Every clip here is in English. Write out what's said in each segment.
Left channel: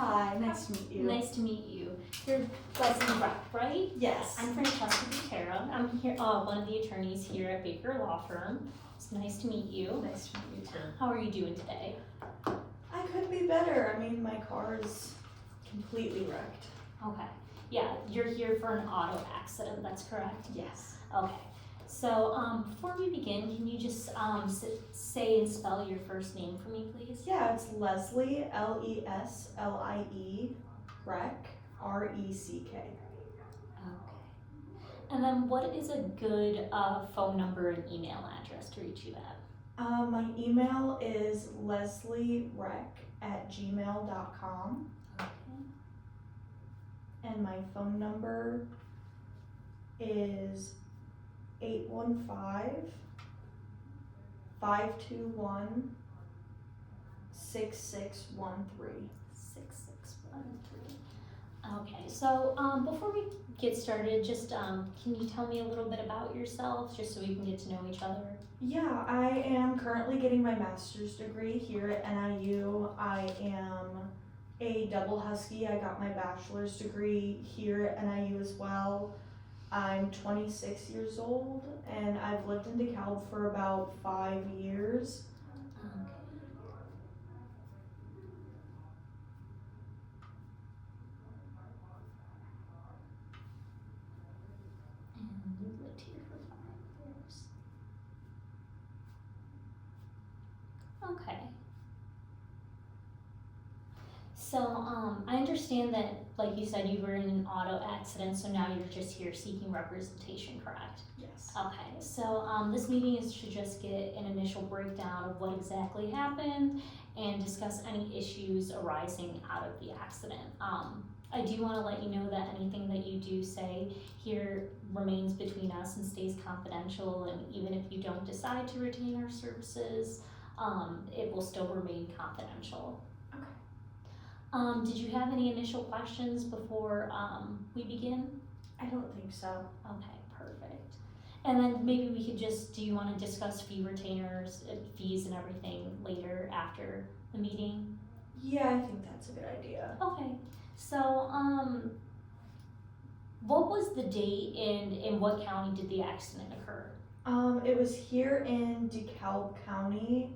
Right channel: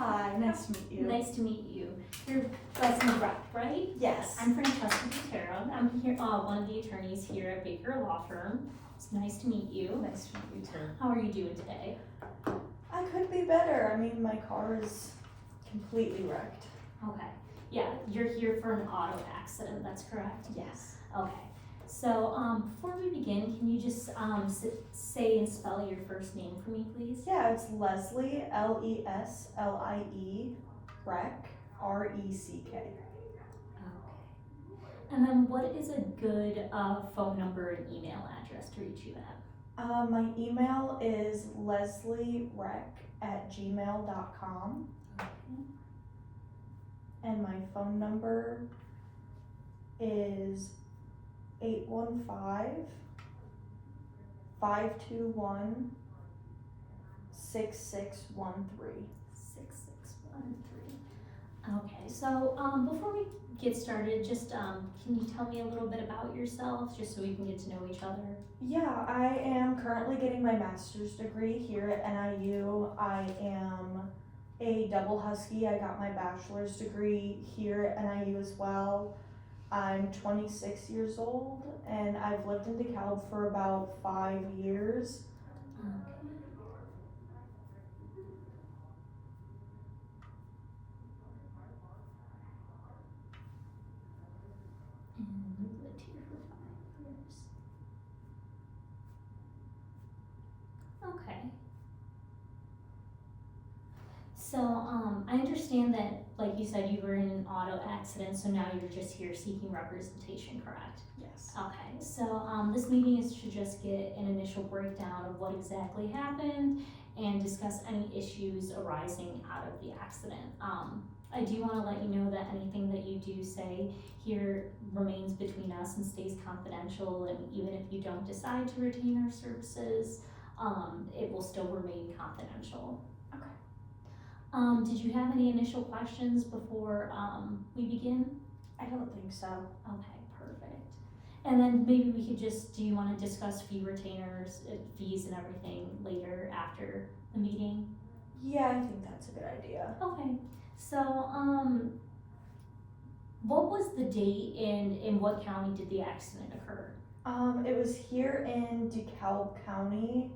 Hi, nice to meet you. Nice to meet you. You're Leslie Reck, right? Yes. I'm Francesca Butera. I'm here, one of the attorneys here at Baker Law Firm. It's nice to meet you. Nice to meet you too. How are you doing today? I could be better. I mean, my car is completely wrecked. Okay. Yeah, you're here for an auto accident, that's correct? Yes. Okay. So, before we begin, can you just say and spell your first name for me, please? Yeah, it's Leslie, Leslie, Reck, Reck. Okay. And then what is a good phone number and email address to reach you at? My email is lesliereck@gmail.com. Okay. And my phone number is 815-521-6613. 6613. Okay, so before we get started, just can you tell me a little bit about yourself, just so we can get to know each other? Yeah, I am currently getting my master's degree here at NIU. I am a double Husky. I got my bachelor's degree here at NIU as well. I'm 26 years old and I've lived in DeKalb for about 5 years. Okay. And you lived here for 5 years. Okay. So, I understand that, like you said, you were in an auto accident, so now you're just here seeking representation, correct? Yes. Okay, so this meeting is to just get an initial breakdown of what exactly happened and discuss any issues arising out of the accident. I do want to let you know that anything that you do say here remains between us and stays confidential, and even if you don't decide to retain our services, it will still remain confidential. Okay. Did you have any initial questions before we begin? I don't think so. Okay, perfect. And then maybe we could just, do you want to discuss fee retainers, fees and everything later after the meeting? Yeah, I think that's a good idea. Okay, so what was the date and in what county did the accident occur? It was here in DeKalb County.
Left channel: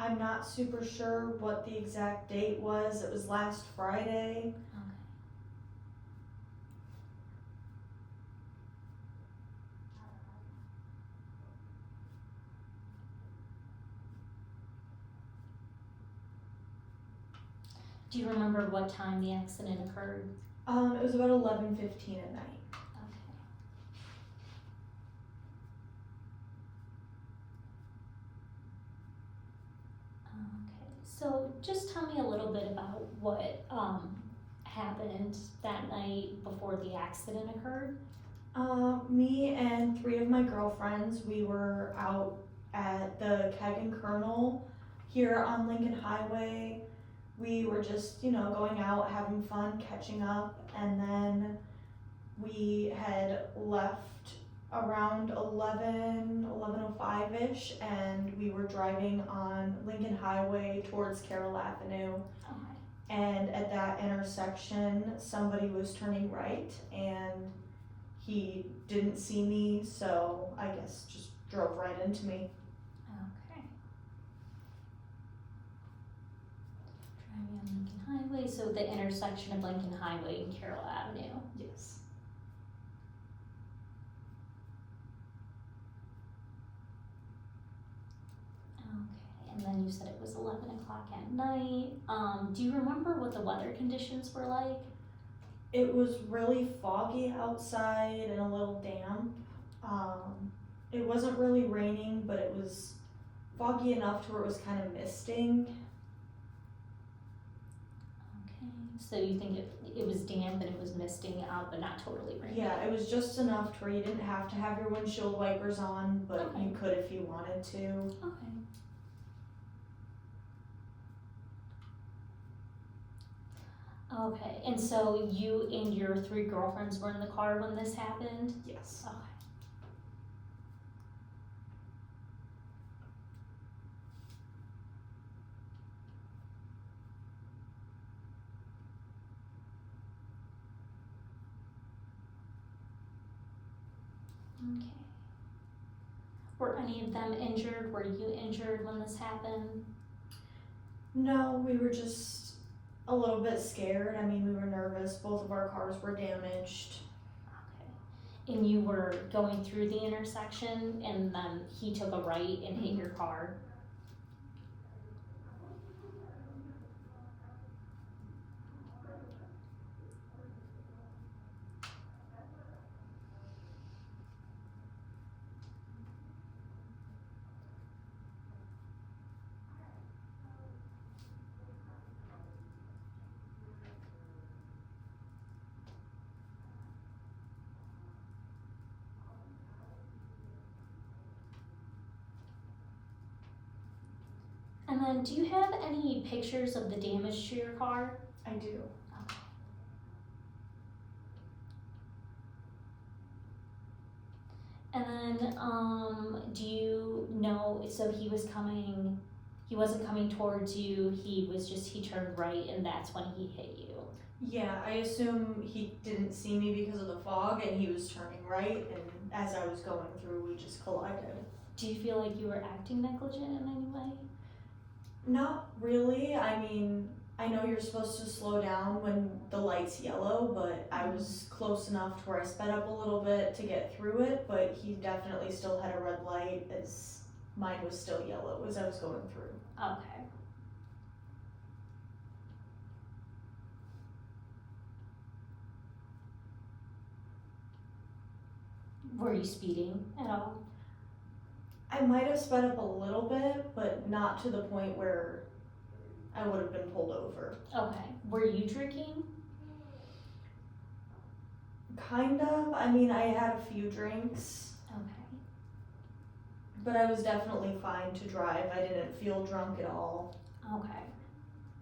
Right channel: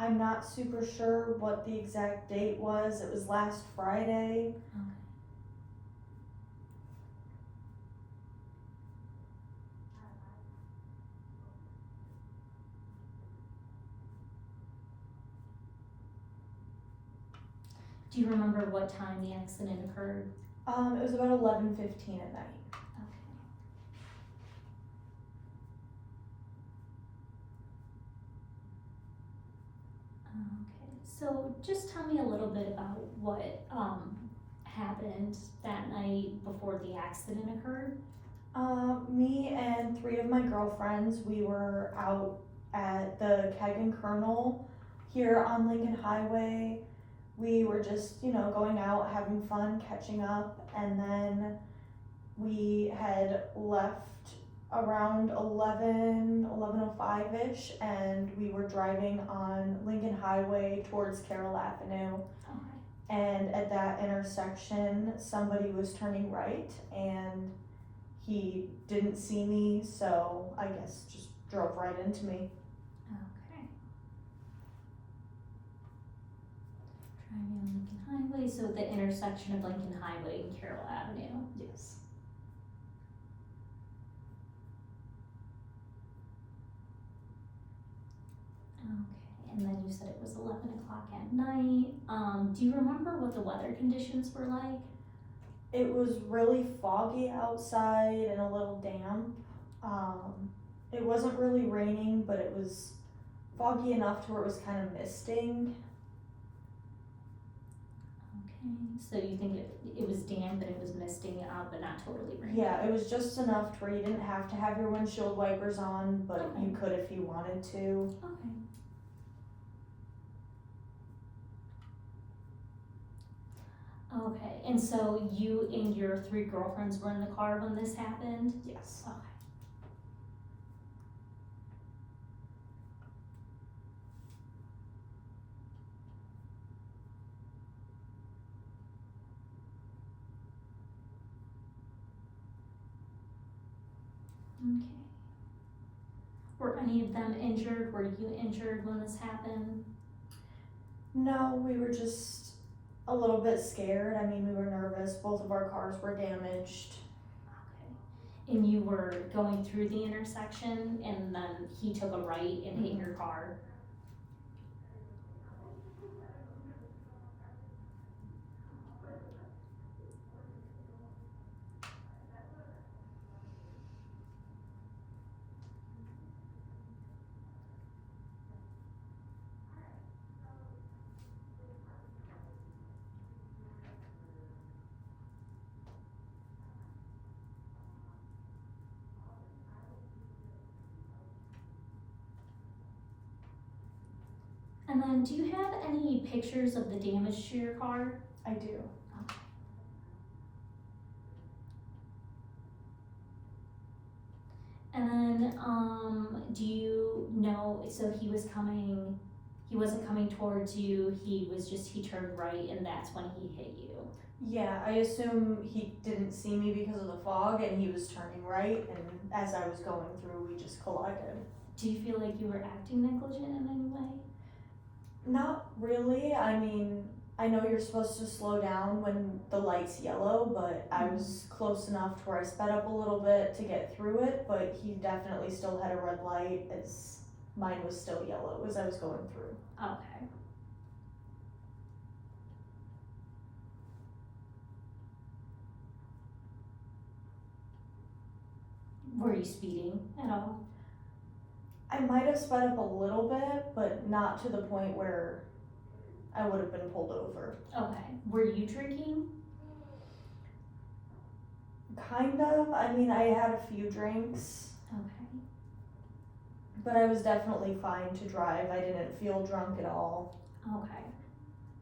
I'm not super sure what the exact date was. It was last Friday. Okay. Do you remember what time the accident occurred? It was about 11:15 at night. Okay. Okay, so just tell me a little bit about what happened that night before the accident occurred. Me and 3 of my girlfriends, we were out at the Keg and Colonel here on Lincoln Highway. We were just, going out, having fun, catching up, and then we had left around 11:05-ish, and we were driving on Lincoln Highway towards Carroll Avenue. Okay. And at that intersection, somebody was turning right, and he didn't see me, so I guess just drove right into me. Okay. Driving on Lincoln Highway, so the intersection of Lincoln Highway and Carroll Avenue. Yes. Okay, and then you said it was 11 o'clock at night. Do you remember what the weather conditions were like? It was really foggy outside and a little damp. It wasn't really raining, but it was foggy enough to where it was kind of misting. Okay, so you think it was damp and it was misting out, but not totally raining? Yeah, it was just enough to where you didn't have to have your windshield wipers on, but Okay. you could if you wanted to. Okay. Okay, and so you and your 3 girlfriends were in the car when this happened? Yes. Okay. Okay. Were any of them injured? Were you injured when this happened? No, we were just a little bit scared. I mean, we were nervous. Both of our cars were damaged. Okay. And you were going through the intersection and then he took a right and hit your car? And then do you have any pictures of the damage to your car? I do. Okay. And then, do you know, so he wasn't coming towards you, he turned right and that's when he hit you? Yeah, I assume he didn't see me because of the fog and he was turning right, and as I was going through, we just collided. Do you feel like you were acting negligent in any way? Not really. I mean, I know you're supposed to slow down when the light's yellow, but I was close enough to where I sped up a little bit to get through it, but he definitely still had a red light as mine was still yellow as I was going through. Okay. Were you speeding at all? I might have sped up a little bit, but not to the point where I would have been pulled over. Okay. Were you drinking? Kind of. I mean, I had a few drinks, Okay. but I was definitely fine to drive. I didn't feel drunk at all. Okay.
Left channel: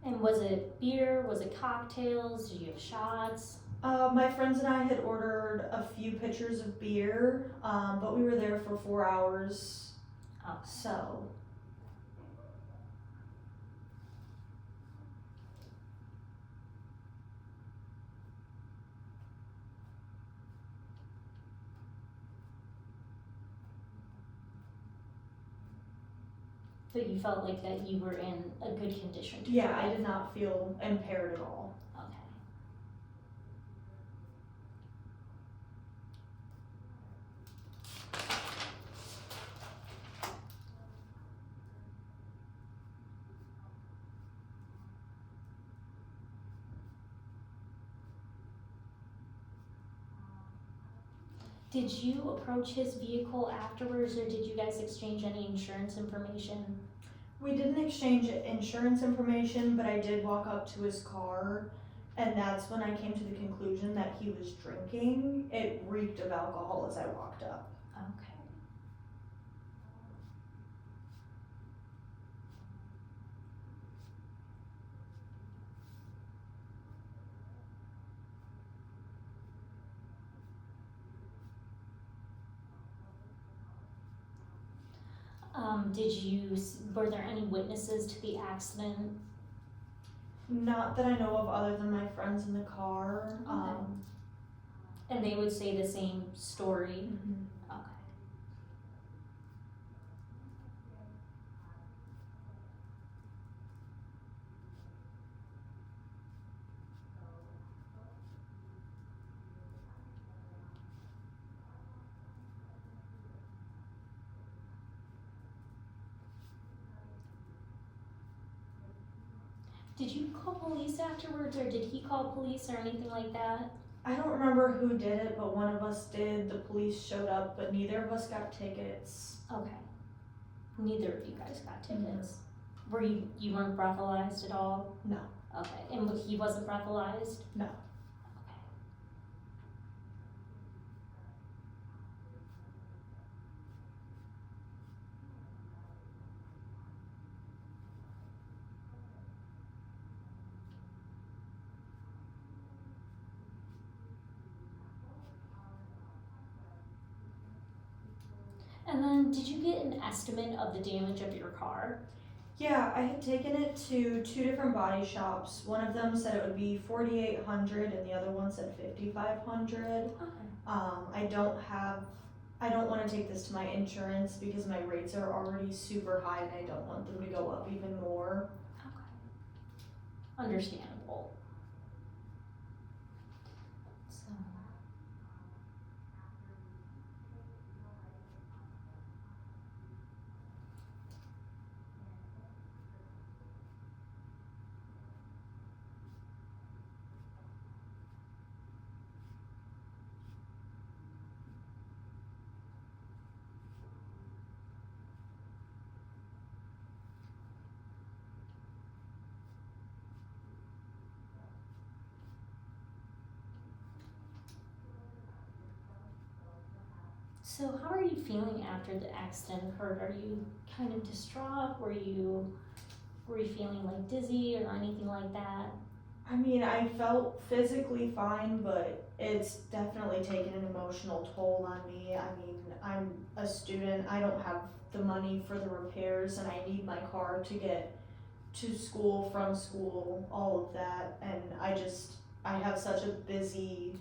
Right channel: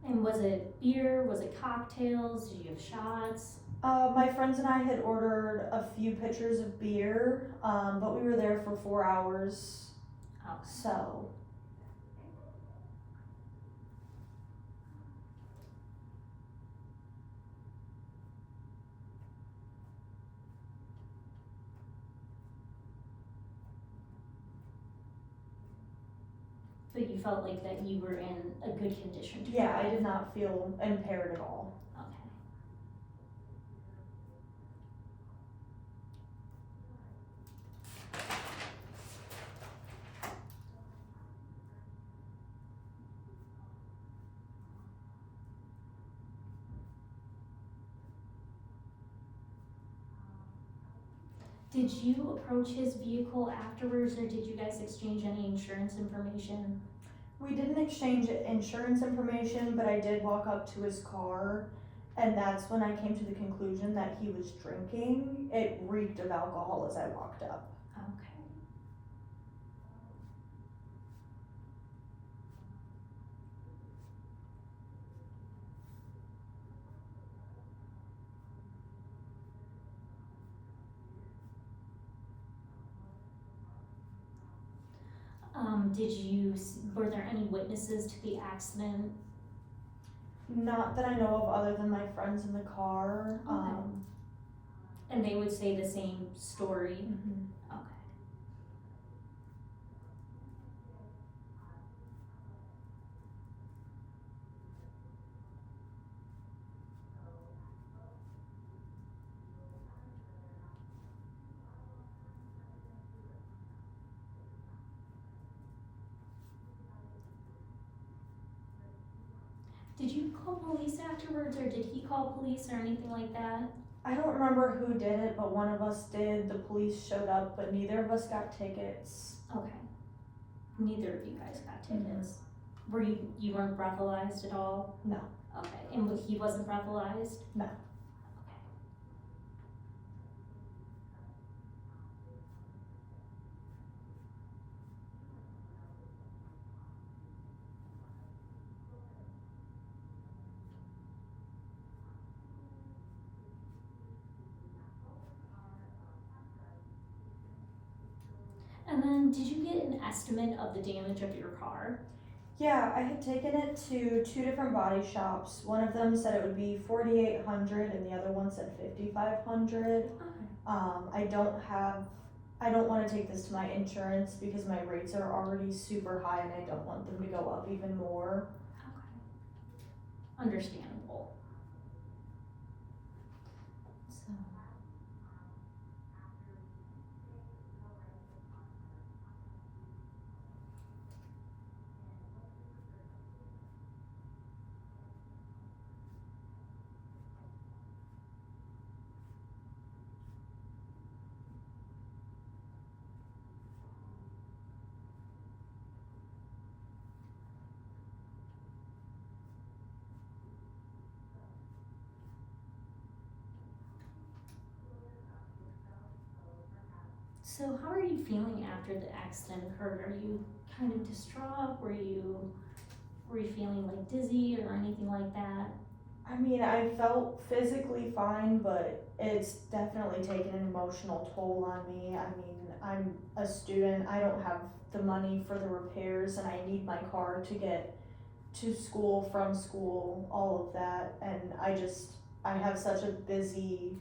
And was it beer? Was it cocktails? Did you have shots? My friends and I had ordered a few pitchers of beer, but we were there for 4 hours, Okay. so. But you felt like that you were in a good condition to Yeah, drive? I did not feel impaired at all. Okay. Did you approach his vehicle afterwards, or did you guys exchange any insurance information? We didn't exchange insurance information, but I did walk up to his car, and that's when I came to the conclusion that he was drinking. It reeked of alcohol as I walked up. Okay. Were there any witnesses to the accident? Not that I know of other than my friends in the car. Okay. And they would say the same story? Mhm. Okay. Did you call police afterwards, or did he call police or anything like that? I don't remember who did it, but one of us did. The police showed up, but neither of us got tickets. Okay. Neither of you guys got tickets. Were you weren't breathalyzed at all? No. Okay. And he wasn't breathalyzed? No. Okay. And then, did you get an estimate of the damage of your car? Yeah, I had taken it to 2 different body shops. One of them said it would be $4,800 and the other one said $5,500. Okay. I don't have I don't wanna take this to my insurance because my rates are already super high and I don't want them to go up even more. Okay. Understandable. So. So how are you feeling after the accident occurred? Are you kind of distraught? Were you feeling like dizzy or anything like that? I mean, I felt physically fine, but it's definitely taken an emotional toll on me. I mean, I'm a student, I don't have the money for the repairs, and I need my car to get to school, from school, all of that, and I have such a busy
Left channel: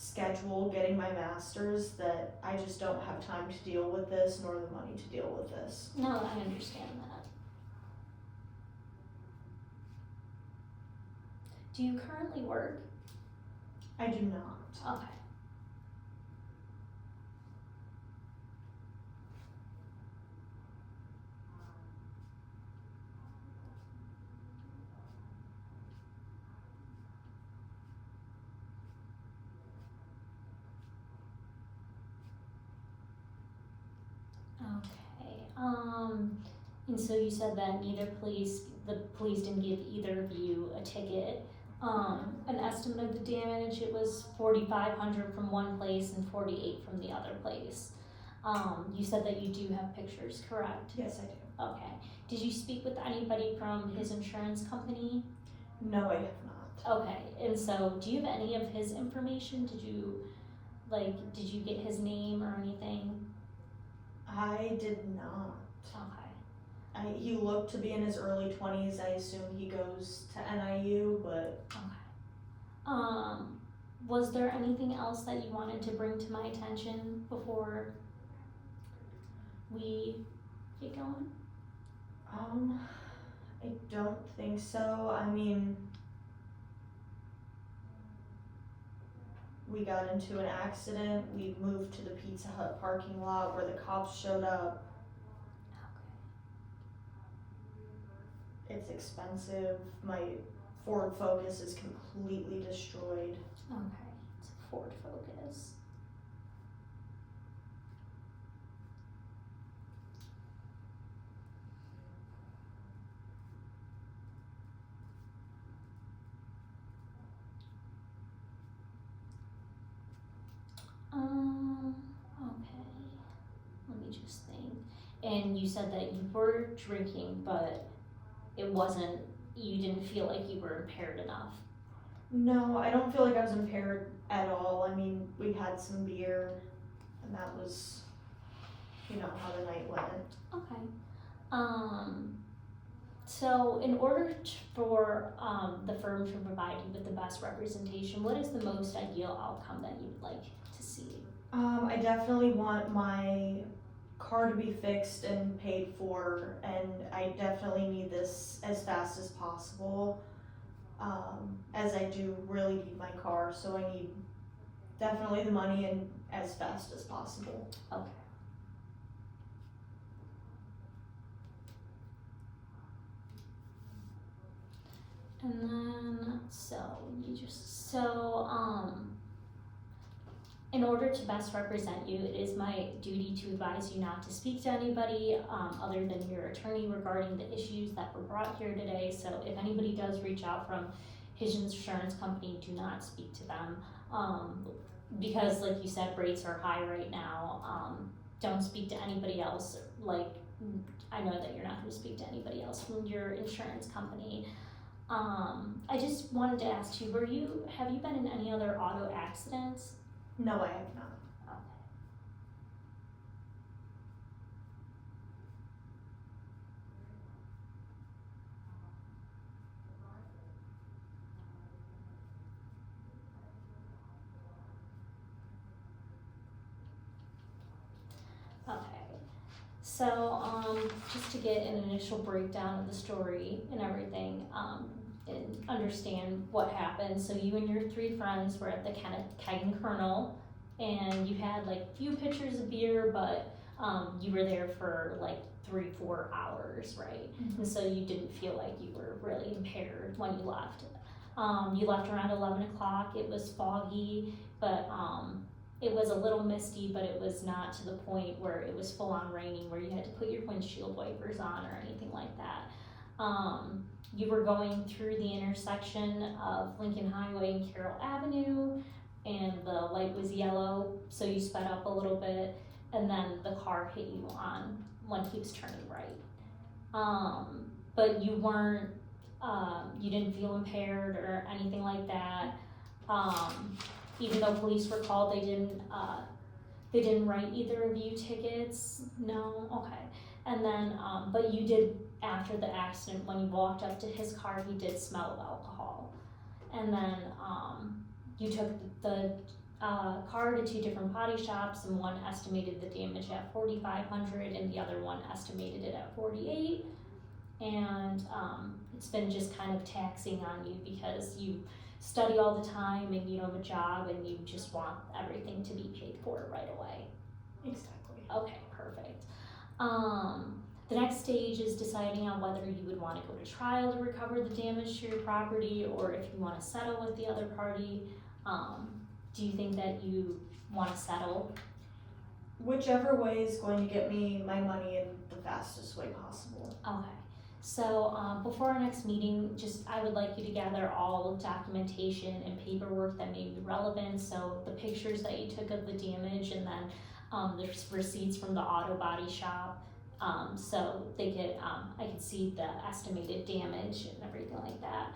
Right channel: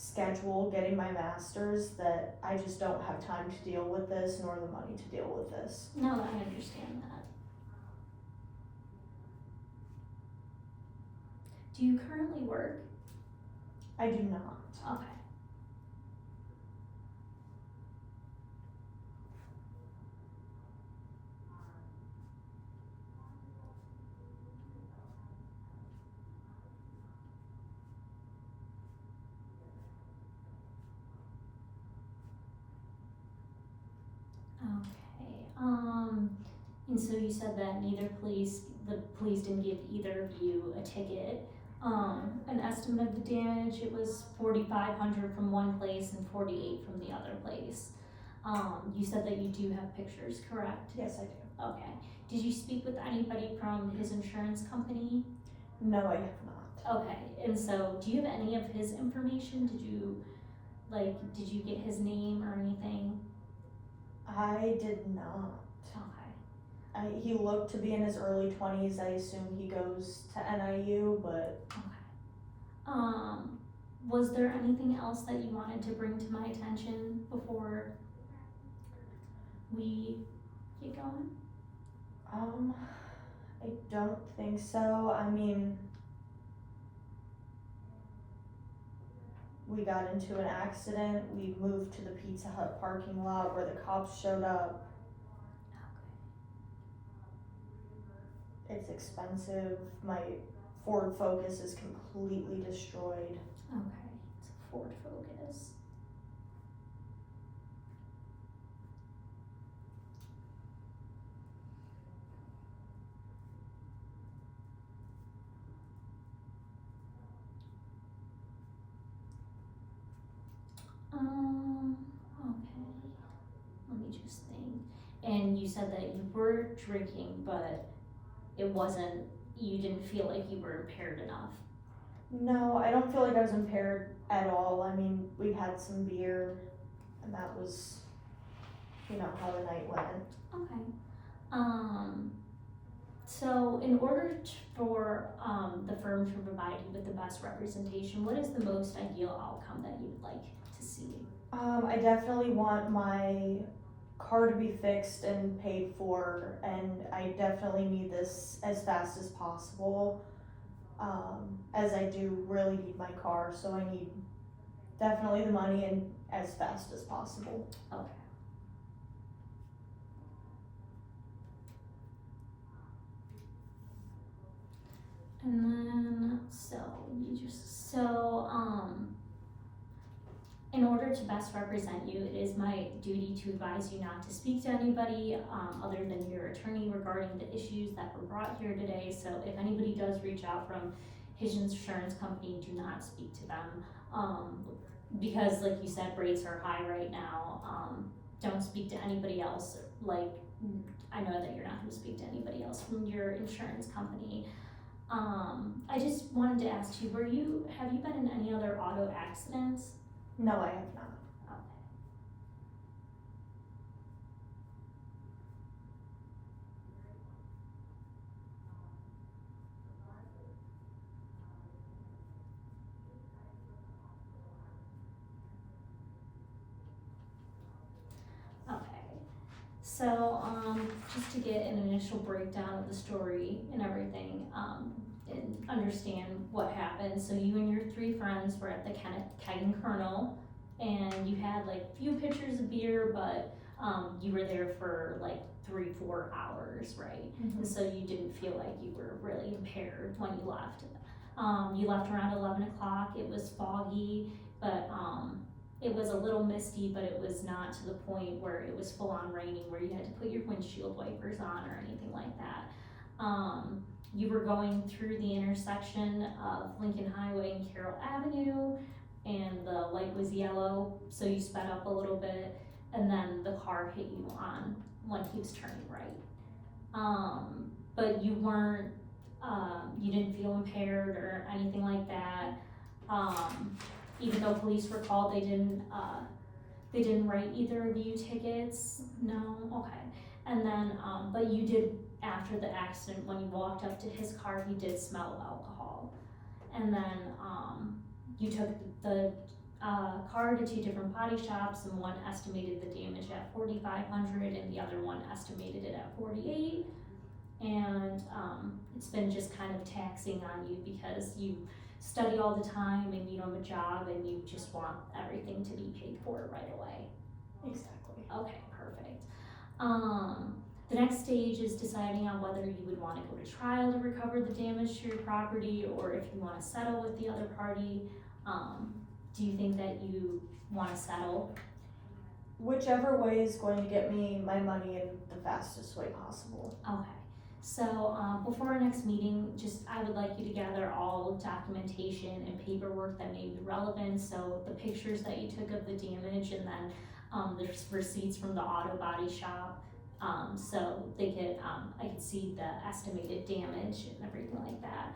schedule getting my master's that I just don't have time to deal with this nor the money to deal with this. No, I understand that. Do you currently work? I do not. Okay. Okay. And so you said that the police didn't give either of you a ticket. An estimate of the damage, it was 4,500 from one place and 48 from the other place. You said that you do have pictures, correct? Yes, I do. Okay. Did you speak with anybody from his insurance company? No, I have not. Okay. And so, do you have any of his information? Did you get his name or anything? I did not. Okay. He looked to be in his early 20s. I assume he goes to NIU, but Okay. Was there anything else that you wanted to bring to my attention before we get going? I don't think so. I mean, we got into an accident. We moved to the Pizza Hut parking lot where the cops showed up. It's expensive. My Ford Focus is completely destroyed. Okay. It's a Ford Focus. Okay. Let me just think. And you said that you were drinking, but you didn't feel like you were impaired enough. No, I don't feel like I was impaired at all. I mean, we had some beer, and that was, how the night went. Okay. So in order for the firm to provide you with the best representation, what is the most ideal outcome that you'd like to see? I definitely want my car to be fixed and paid for, and I definitely need this as fast as possible, as I do really need my car, so I need definitely the money and as fast as possible. Okay. And then, in order to best represent you, it is my duty to advise you not to speak to anybody other than your attorney regarding the issues that were brought here today. So if anybody does reach out from his insurance company, do not speak to them. Because like you said, rates are high right now. Don't speak to anybody else. I know that you're not gonna speak to anybody else from your insurance company. I just wanted to ask you, have you been in any other auto accidents? No, I have not. Okay. So, just to get an initial breakdown of the story and everything, and understand what happened. So you and your 3 friends were at the Keg and Colonel, and you had like few pitchers of beer, but you were there for like 3-4 hours, right? Mhm. And so you didn't feel like you were really impaired when you left. You left around 11 o'clock. It was foggy, but it was a little misty, but it was not to the point where it was full on raining where you had to put your windshield wipers on or anything like that. You were going through the intersection of Lincoln Highway and Carroll Avenue, and the light was yellow, so you sped up a little bit, and then the car hit you on when he was turning right. But you weren't, you didn't feel impaired or anything like that. Even though police were called, they didn't write either of you tickets? No? Okay. And then, but you did, after the accident, when you walked up to his car, he did smell of alcohol. And then, you took the car to 2 different body shops, and one estimated the damage at $4,500 and the other one estimated it at $48,000. And it's been just kind of taxing on you because you study all the time and you have a job and you just want everything to be paid for right away. Exactly. Okay, perfect. The next stage is deciding on whether you would want to go to trial to recover the damage to your property, or if you want to settle with the other party. Do you think that you want to settle? Whichever way is going to get me my money in the fastest way possible. Okay. So before our next meeting, I would like you to gather all documentation and paperwork that may be relevant. So the pictures that you took of the damage, and then the receipts from the auto body shop, so they could I could see the estimated damage and everything like that.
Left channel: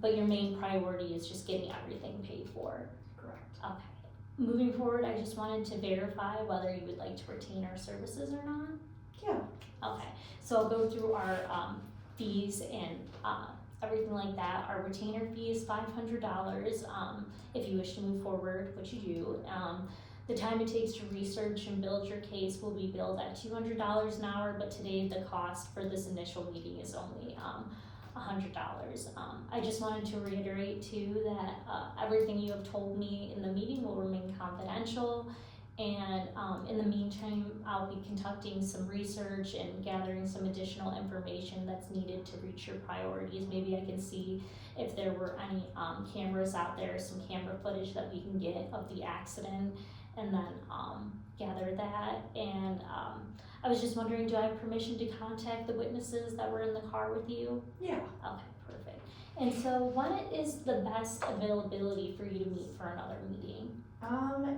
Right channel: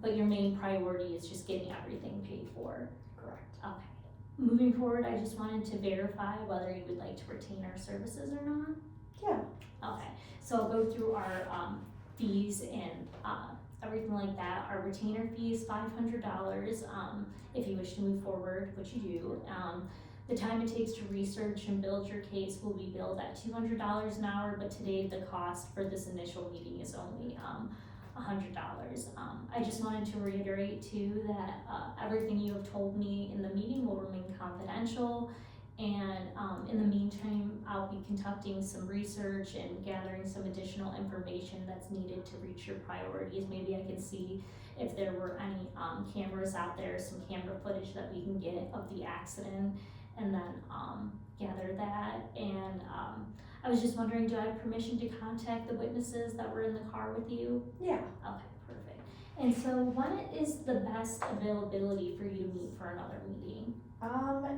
But your main priority is just getting everything paid for. Correct. Okay. Moving forward, I just wanted to verify whether you would like to retain our services or not. Yeah. Okay, so I'll go through our fees and everything like that. Our retainer fee is $500 if you wish to move forward, which you do. The time it takes to research and build your case will be billed at $200 an hour, but today the cost for this initial meeting is only $100. I just wanted to reiterate too that everything you have told me in the meeting will remain confidential. And in the meantime, I'll be conducting some research and gathering some additional information that's needed to reach your priorities. Maybe I can see if there were any cameras out there, some camera footage that we can get of the accident, and then gather that. And I was just wondering, do I have permission to contact the witnesses that were in the car with you? Yeah. Okay, perfect. And so when is the best availability for you to meet for another meeting?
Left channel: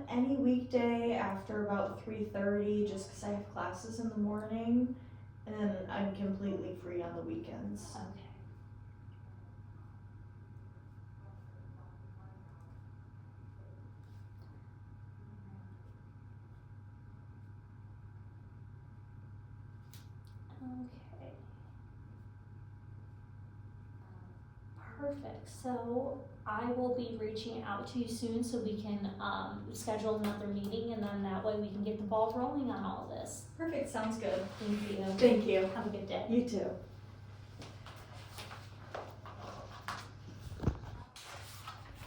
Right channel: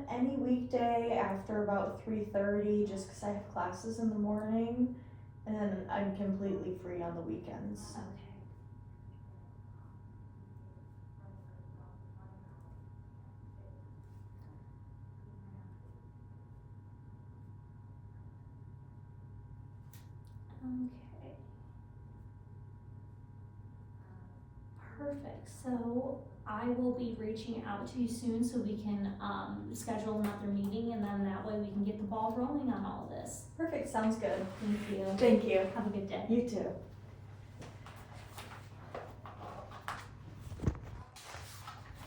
Any weekday after about 3:30, just 'cause I have classes in the morning, and I'm completely free on the weekends. Okay. Okay. Perfect. So I will be reaching out to you soon so we can schedule another meeting, and then that way we can get the ball rolling on all this. Perfect, sounds good. Thank you. Thank you. Have a good day. You too.